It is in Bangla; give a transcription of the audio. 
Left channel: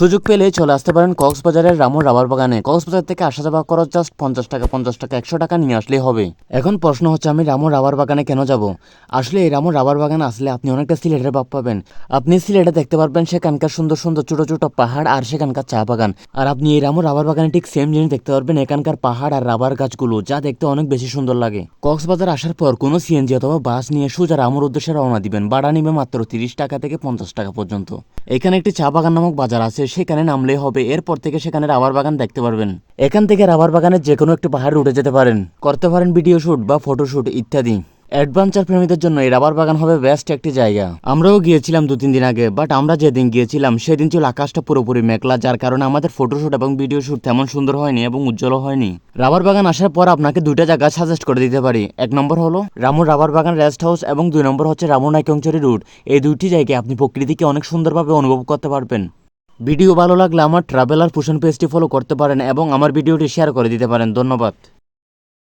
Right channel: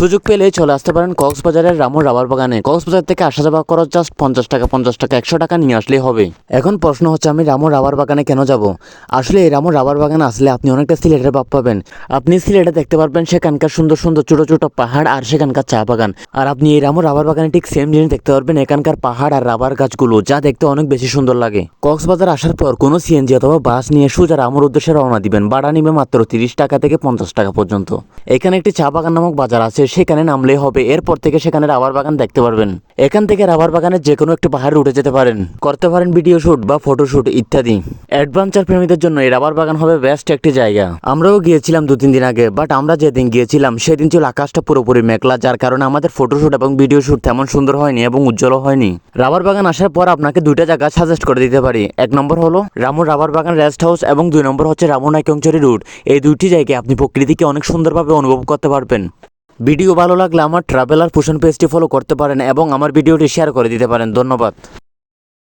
সুযোগ পেলে চলে আসতে পারেন কক্সবাজারের রামুর রাবার বাগানে। কক্সবাজার থেকে আসা যাওয়া খরচ জাস্ট পঞ্চাশ টাকা পঞ্চাশ টাকা, একশো টাকা নিয়ে আসলেই হবে। এখন প্রশ্ন হচ্ছে, আমি রামুর রাবার বাগানে কেন যাব? আসলে এই রামুর রাবার বাগানে আসলে আপনি অনেকটা সিলেটের ভাব পাবেন। আপনি সিলেটে দেখতে পারবেন সেখানকার সুন্দর সুন্দর ছোট ছোট পাহাড় আর সেখানকার চা বাগান। আর আপনি এই রামুর রাবার বাগানে ঠিক সেম জিনিস দেখতে পারবেন, এখানকার পাহাড় আর রাবার গাছগুলো, যা দেখতে অনেক বেশি সুন্দর লাগে। কক্সবাজার আসার পর কোনো সিএনজি অথবা বাস নিয়ে সোজা রামুর উদ্দেশ্যে রওনা দিবেন। ভাড়া নিবে মাত্র তিরিশ টাকা থেকে পঞ্চাশ টাকা পর্যন্ত। এখানে একটি চা বাগান নামক বাজার আছে সেখানে নামলেই হবে। এরপর থেকে সেখানে রাবার বাগান দেখতে পারবেন। এখান থেকে রাবার বাগানের যে কোনো একটি পাহাড়ে উঠে যেতে পারেন। করতে পারেন ভিডিও শুট বা ফটো শুট ইত্যাদি। অ্যাডভেঞ্চার প্রেমীদের জন্য এই রাবার বাগান হবে বেস্ট একটি জায়গা। আমরাও গিয়েছিলাম দু তিন দিন আগে, বাট আমরা যেদিন গিয়েছিলাম, সেদিন ছিল আকাশটা পুরোপুরি মেঘলা, যার কারণে আমাদের ফটোশুট এবং ভিডিও শুট তেমন সুন্দর হয়নি এবং উজ্জ্বল হয়নি। রাবার বাগান আসার পর আপনাকে দুইটা জায়গা সাজেস্ট করে দিতে পারি। এক নম্বর হলো রামুর রাবার বাগান রেস্ট হাউস এবং দুই নম্বর হচ্ছে রামুর নাইকংচুরি রুট এই দুইটি জায়গায় আপনি প্রকৃতিকে অনেক সুন্দরভাবে অনুভব করতে পারবেন। ভিডিও ভালো লাগলে আমার ট্রাভেলার পোষণ পেজটি ফলো করতে পারেন এবং আমার ভিডিওটি শেয়ার করে দিতে পারেন। ধন্যবাদ।